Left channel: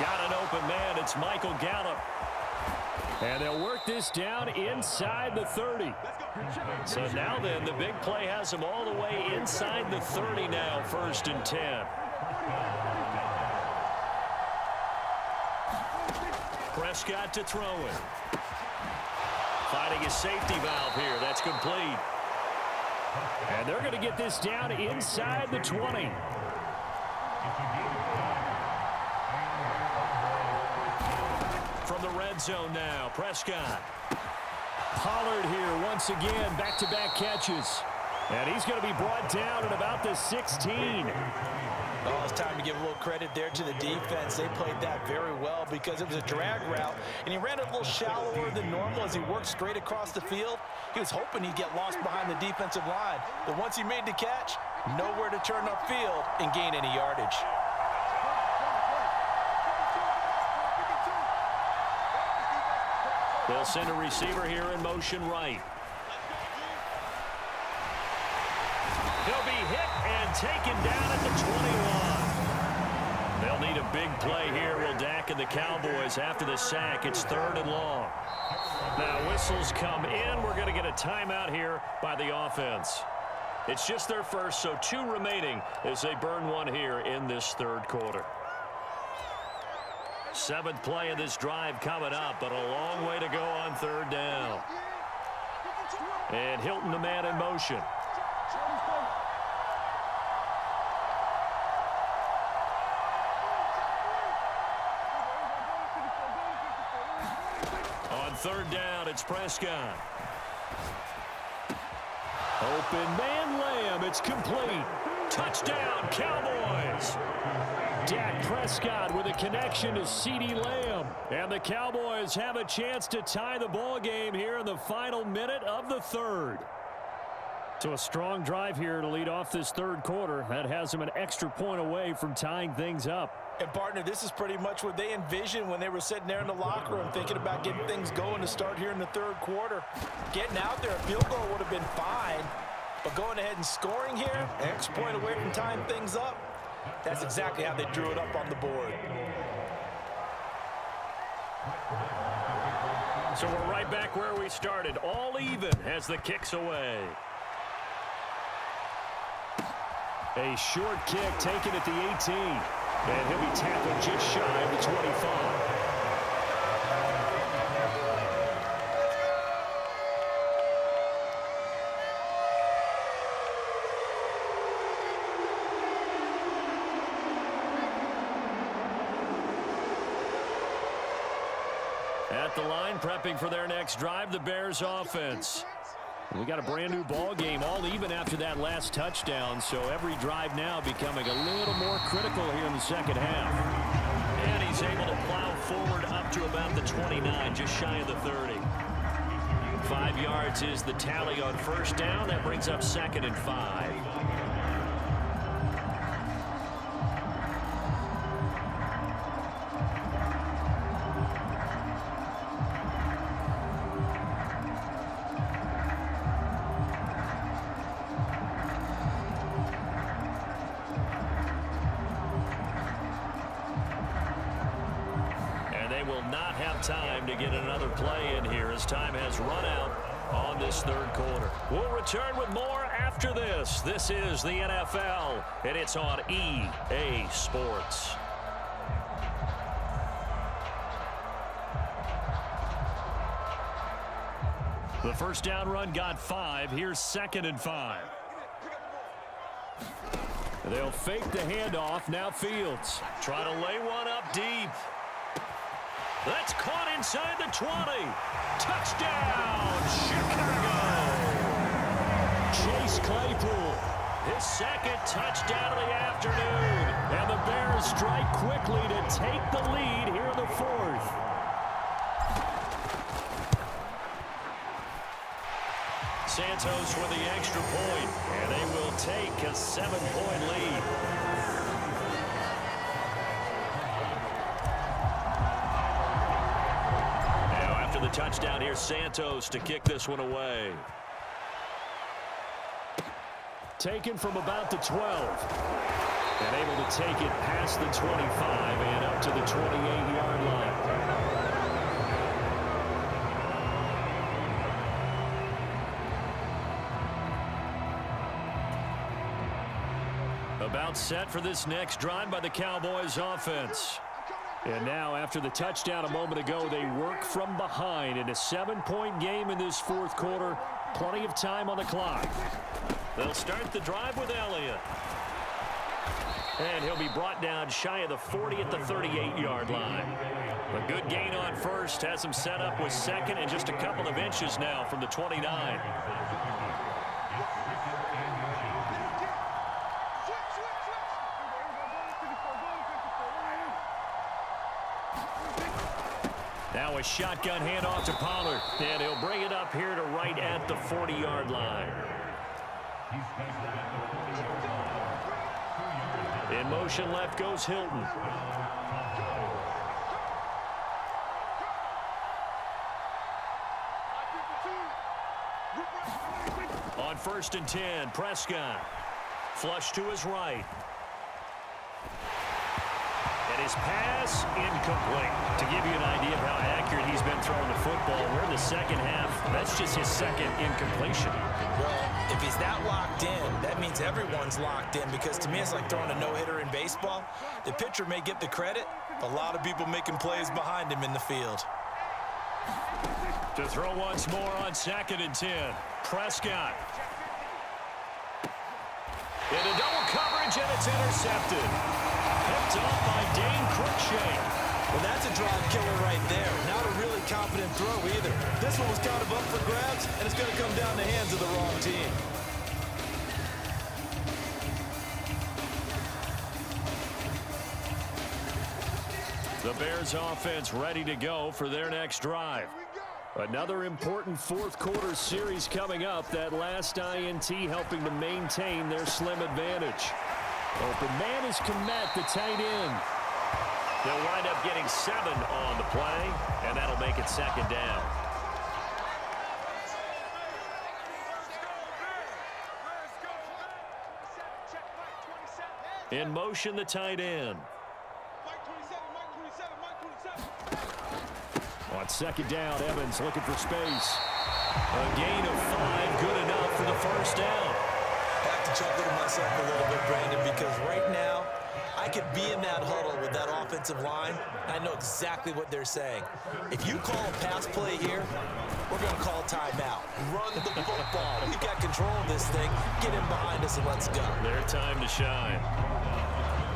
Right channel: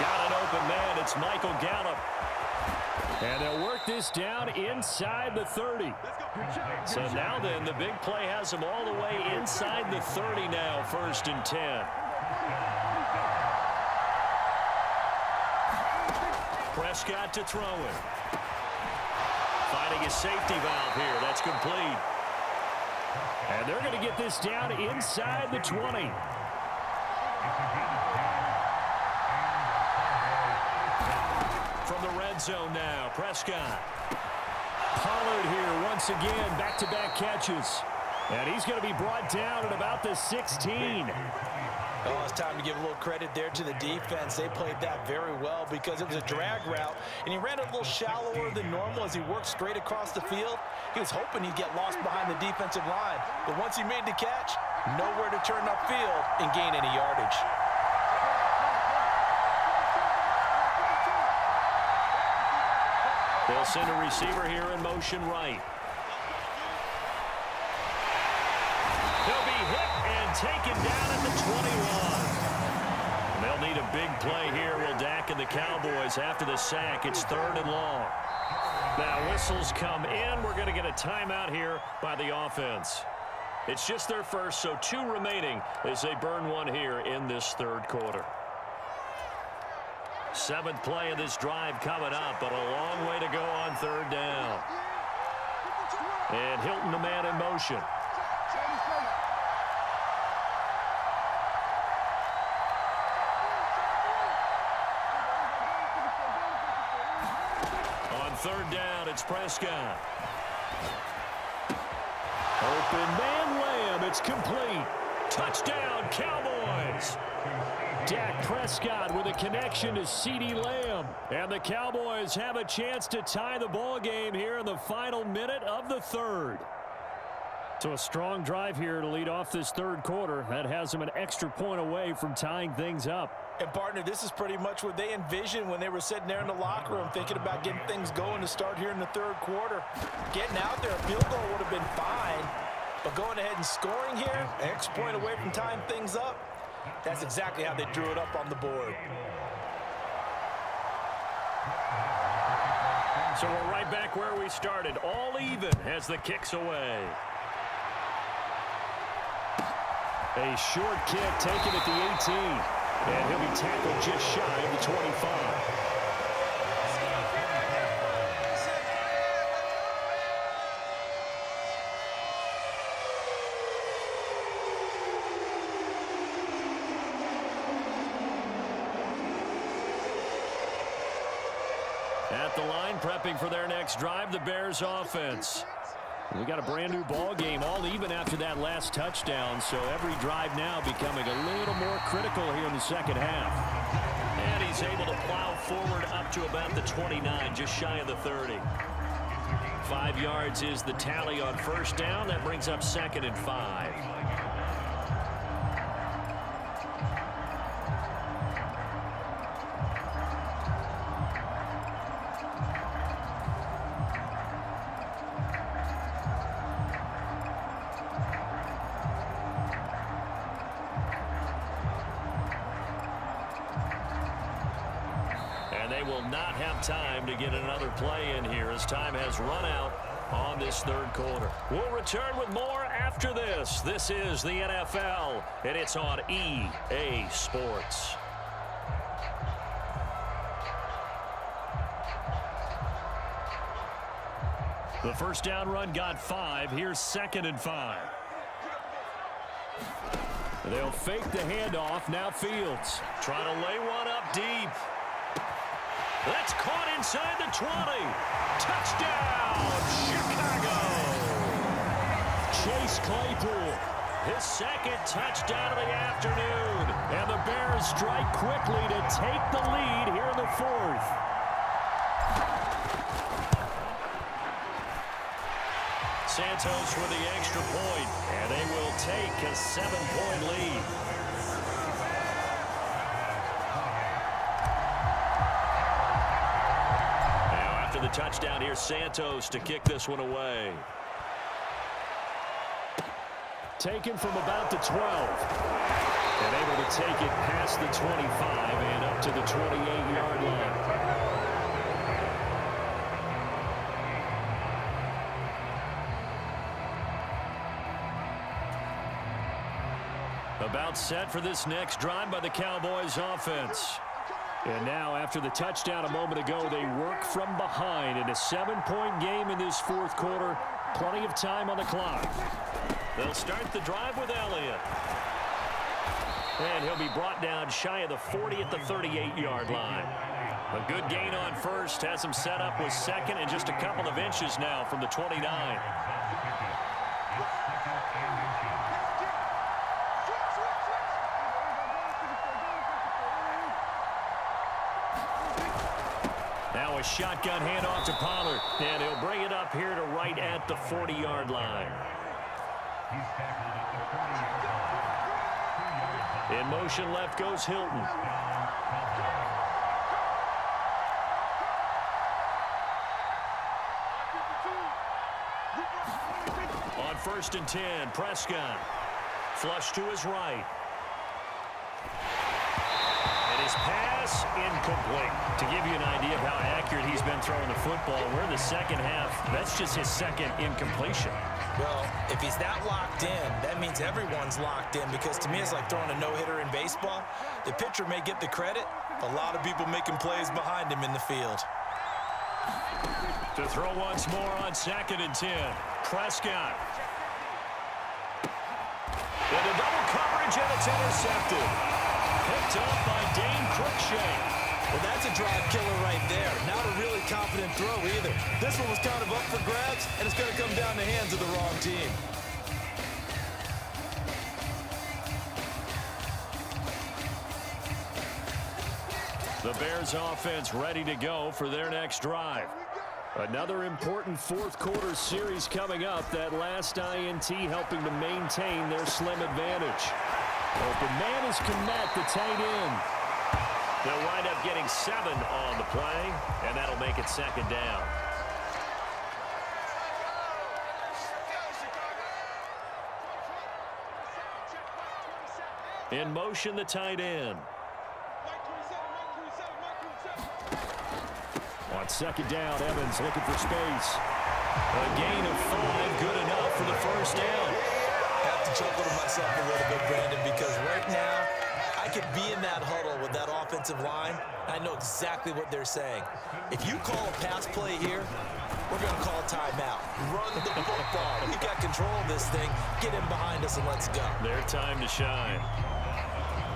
Got an open man. It's Michael Gallup. And they'll work this down inside the 30. So now then, the big play has them all the way inside the 30 now, 1st and 10. Prescott to throw it. Finding a safety valve here. That's complete. And they're going to get this down inside the 20. From the red zone now, Prescott. Pollard here once again, back-to-back catches. And he's going to be brought down at about the 16. Oh, it's time to give a little credit there to the defense. They played that very well because it was a drag route, and he ran it a little shallower than normal as he worked straight across the field. He was hoping he'd get lost behind the defensive line, but once he made the catch, nowhere to turn upfield and gain any yardage. They'll send a receiver here in motion right. He'll be hit and taken down at the 21. They'll need a big play here, will Dak and the Cowboys. After the sack, it's 3rd and long. Now whistles come in. We're going to get a timeout here by the offense. It's just their first, so 2 remaining as they burn one here in this 3rd quarter. 7th play of this drive coming up, but a long way to go on 3rd down. And Hilton, the man in motion. On 3rd down, it's Prescott. Open man, Lamb. It's complete. Touchdown, Cowboys. Dak Prescott with a connection to CeeDee Lamb. And the Cowboys have a chance to tie the ball game here in the final minute of the 3rd. So a strong drive here to lead off this 3rd quarter. That has them an extra point away from tying things up. And, partner, this is pretty much what they envisioned when they were sitting there in the locker room thinking about getting things going to start here in the 3rd quarter. Getting out there, a field goal would have been fine. But going ahead and scoring here, an extra point away from tying things up, that's exactly how they drew it up on the board. So we're right back where we started. All even as the kick's away. A short kick taken at the 18. And he'll be tackled just shy of the 25. At the line, prepping for their next drive, the Bears offense. We got a brand new ball game, all even after that last touchdown, so every drive now becoming a little more critical here in the 2nd half. And he's able to plow forward up to about the 29, just shy of the 30. 5 yards is the tally on 1st down. That brings up 2nd and 5. They will not have time to get another play in here as time has run out on this 3rd quarter. We'll return with more after this. This is the NFL, and it's on EA Sports. The 1st down run got 5. Here's 2nd and 5. They'll fake the handoff. Now Fields trying to lay one up deep. That's caught inside the 20. Touchdown, Chicago. Chase Claypool, his 2nd touchdown of the afternoon. And the Bears strike quickly to take the lead here in the 4th. Santos with the extra point, and they will take a 7-point lead. The touchdown here, Santos to kick this one away. Taken from about the 12. And able to take it past the 25 and up to the 28-yard line. About set for this next drive by the Cowboys offense. And now, after the touchdown a moment ago, they work from behind in a 7-point game in this fourth quarter. Plenty of time on the clock. They'll start the drive with Elliott. And he'll be brought down shy of the 40 at the 38-yard line. A good gain on first has him set up with second and just a couple of inches now from the 29. Now a shotgun handoff to Pollard, and he'll bring it up here to right at the 40-yard line. In motion left goes Hilton. On 1st and 10, Prescott. Flush to his right. And his pass incomplete. To give you an idea of how accurate he's been throwing the football, we're in the second half. That's just his second incompletion. Well, if he's that locked in, that means everyone's locked in, because to me it's like throwing a no-hitter in baseball. The pitcher may get the credit, but a lot of people making plays behind him in the field. To throw once more on 2nd and 10, Prescott. And a double coverage, and it's intercepted. Picked off by Dane Cruikshank. Well, that's a drive killer right there. Not a really confident throw either. This one was kind of up for grabs, and it's going to come down the hands of the wrong team. The Bears offense ready to go for their next drive. Another important fourth quarter series coming up. That last INT helping to maintain their slim advantage. Open man is Kmet, the tight end. They'll wind up getting 7 on the play, and that'll make it 2nd down. In motion, the tight end. On 2nd down, Evans looking for space. A gain of 5, good enough for the first down. I have to chuckle to myself a little bit, Brandon, because right now I could be in that huddle with that offensive line. I know exactly what they're saying. If you call a pass play here, we're going to call a timeout. Run the football. We've got control of this thing. Get in behind us and let's go. Their time to shine.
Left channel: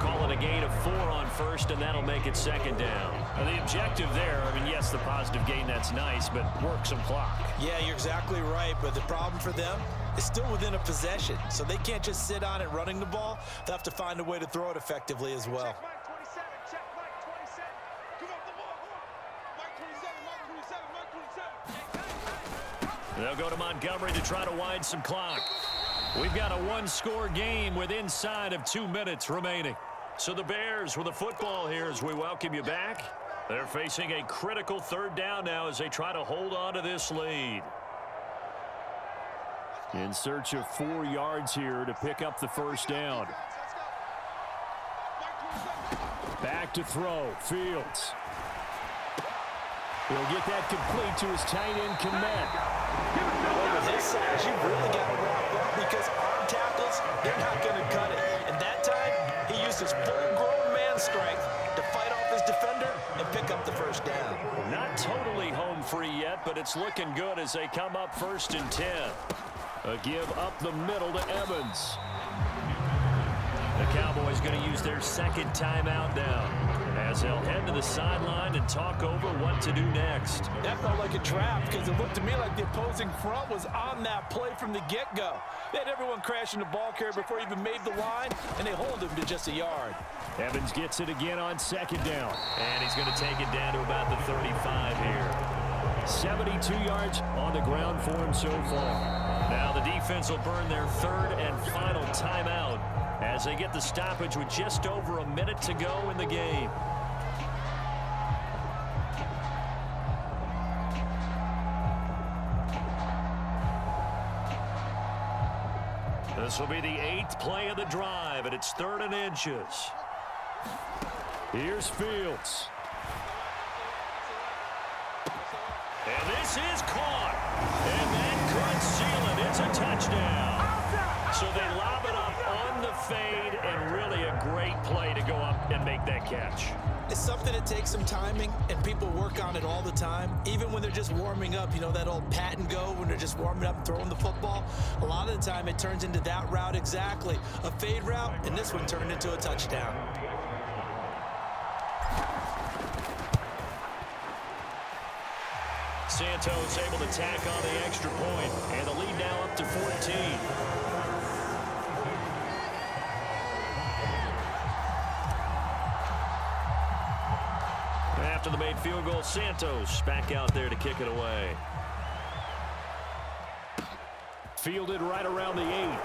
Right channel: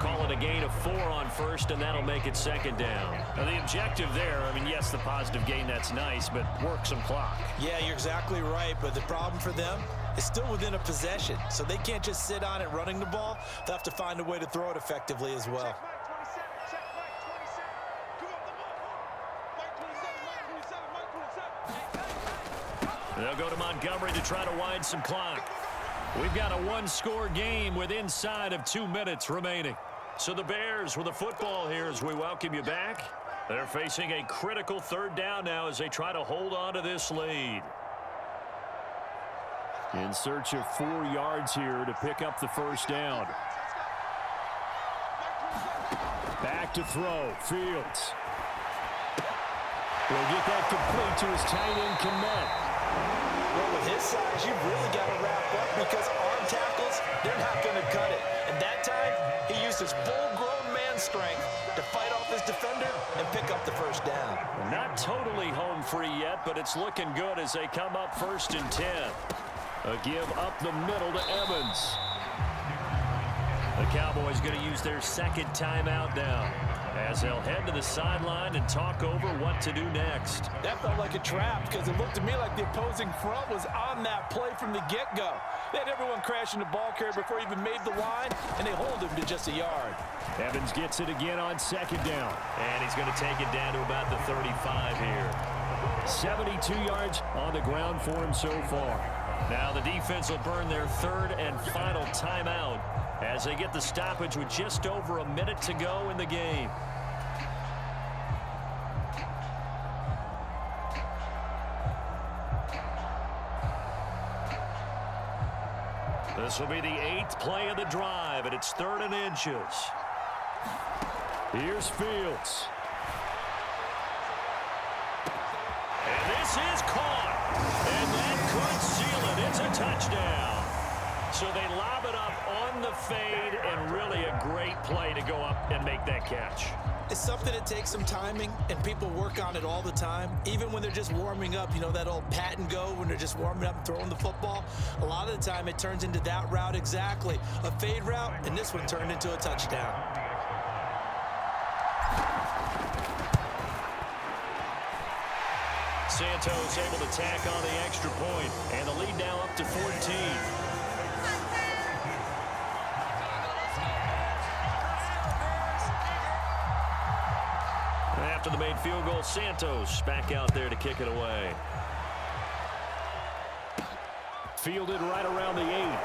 Call it a gain of 4 on first, and that'll make it 2nd down. Now, the objective there, I mean, yes, the positive gain, that's nice, but work some clock. Yeah, you're exactly right, but the problem for them is still within a possession, so they can't just sit on it running the ball. They'll have to find a way to throw it effectively as well. They'll go to Montgomery to try to wind some clock. We've got a 1-score game with inside of 2 minutes remaining. So the Bears with the football here as we welcome you back. They're facing a critical 3rd down now as they try to hold on to this lead. In search of 4 yards here to pick up the first down. Back to throw, Fields. He'll get that complete to his tight end, Kmet. Well, with his size, you've really got to wrap up, because arm tackles, they're not going to cut it. And that time, he used his full-grown man strength to fight off his defender and pick up the first down. Not totally home free yet, but it's looking good as they come up 1st and 10. A give up the middle to Evans. The Cowboys going to use their 2nd timeout now, as they'll head to the sideline and talk over what to do next. That felt like a trap, because it looked to me like the opposing front was on that play from the get-go. They had everyone crashing the ball carrier before he even made the line, and they hold him to just a yard. Evans gets it again on 2nd down, and he's going to take it down to about the 35 here. 72 yards on the ground for him so far. Now the defense will burn their 3rd and final timeout as they get the stoppage with just over a minute to go in the game. This will be the 8th play of the drive, and it's 3rd and inches. Here's Fields. And this is caught. And that could seal it. It's a touchdown. So they lob it up on the fade, and really a great play to go up and make that catch. It's something that takes some timing, and people work on it all the time. Even when they're just warming up, you know, that old pat and go when they're just warming up and throwing the football. A lot of the time it turns into that route exactly. A fade route, and this one turned into a touchdown. Santos able to tack on the extra point, and the lead now up to 14. After the made field goal, Santos back out there to kick it away. Fielded right around the 8.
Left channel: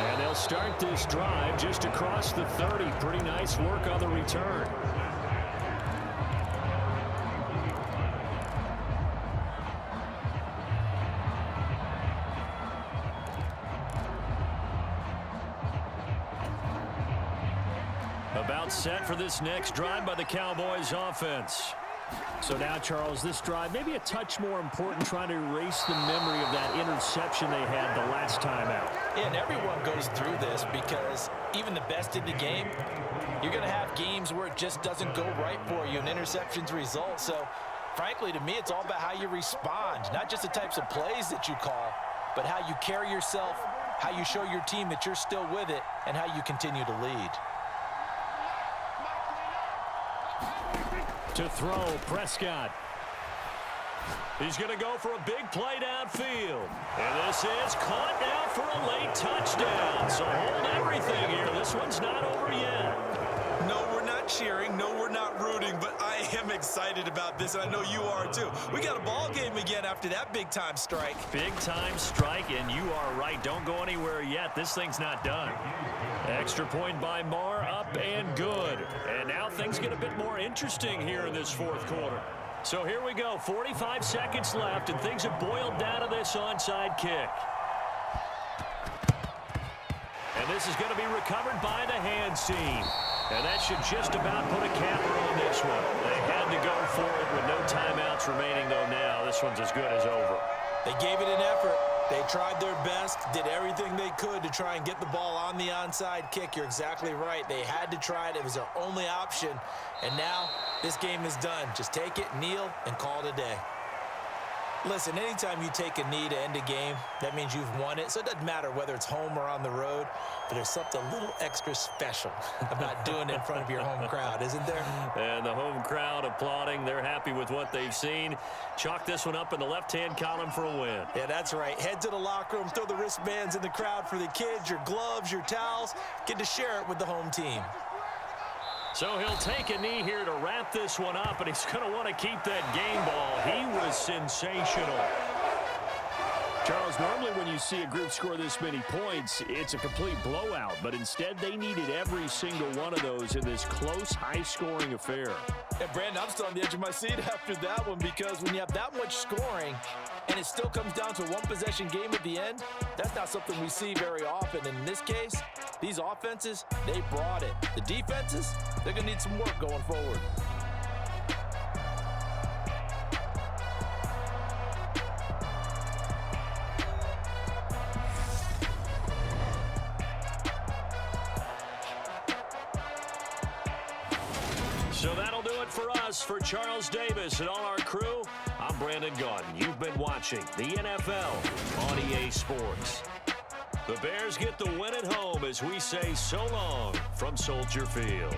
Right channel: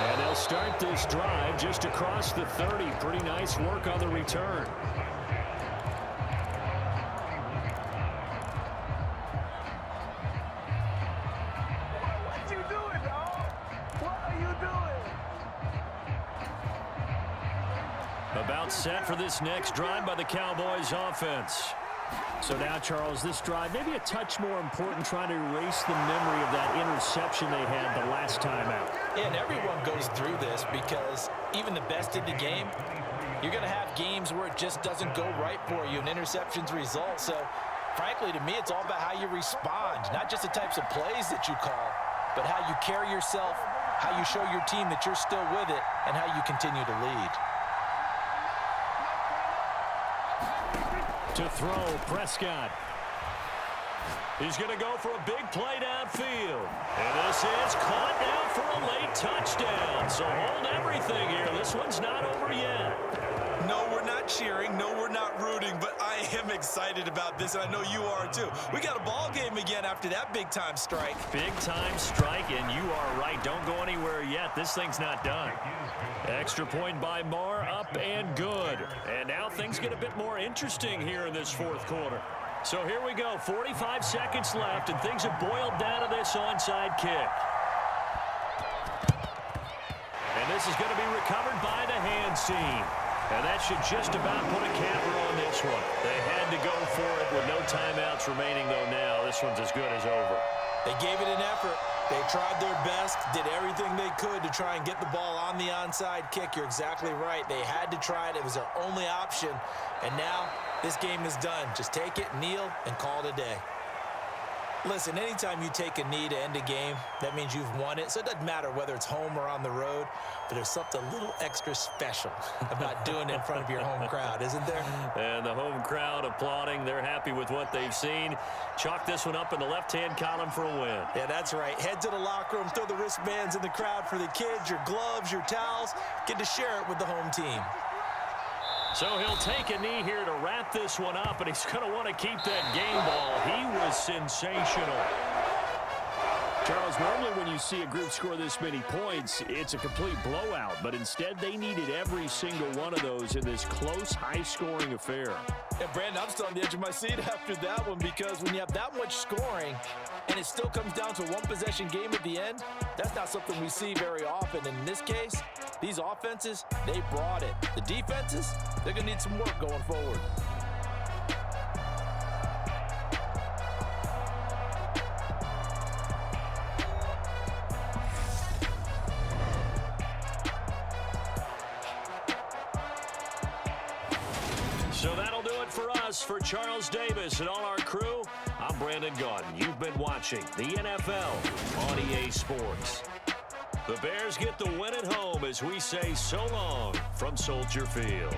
And they'll start this drive just across the 30. Pretty nice work on the return. About set for this next drive by the Cowboys offense. So now, Charles, this drive maybe a touch more important, trying to erase the memory of that interception they had the last time out. Yeah, and everyone goes through this because even the best in the game, you're going to have games where it just doesn't go right for you and interceptions result. So, frankly, to me, it's all about how you respond, not just the types of plays that you call, but how you carry yourself, how you show your team that you're still with it, and how you continue to lead. To throw, Prescott. He's going to go for a big play downfield. And this is caught now for a late touchdown. So hold everything here. This one's not over yet. No, we're not cheering. No, we're not rooting. But I am excited about this, and I know you are too. We got a ball game again after that big-time strike. Big-time strike, and you are right. Don't go anywhere yet. This thing's not done. Extra point by Marr, up and good. And now things get a bit more interesting here in this 4th quarter. So here we go, 45 seconds left, and things have boiled down to this onside kick. And this is going to be recovered by the hands team. And that should just about put a capper on this one. They had to go for it with no timeouts remaining, though now this one's as good as over. They gave it an effort. They tried their best, did everything they could to try and get the ball on the onside kick. You're exactly right. They had to try it. It was their only option. And now this game is done. Just take it, kneel, and call it a day. Listen, anytime you take a knee to end a game, that means you've won it. So it doesn't matter whether it's home or on the road, but there's something a little extra special about doing it in front of your home crowd, isn't there? And the home crowd applauding. They're happy with what they've seen. Chalk this one up in the left-hand column for a win. Yeah, that's right. Head to the locker room, throw the wristbands in the crowd for the kids, your gloves, your towels. Get to share it with the home team. So he'll take a knee here to wrap this one up, and he's going to want to keep that game ball. He was sensational. Charles, normally when you see a group score this many points, it's a complete blowout, but instead they needed every single one of those in this close, high-scoring affair. And Brandon, I'm still on the edge of my seat after that one, because when you have that much scoring and it still comes down to a one-possession game at the end, that's not something we see very often. And in this case, these offenses, they brought it. The defenses, they're going to need some work going forward. So that'll do it for us. For Charles Davis and all our crew, I'm Brandon Gaudin. You've been watching the NFL on EA Sports. The Bears get the win at home as we say so long from Soldier Field.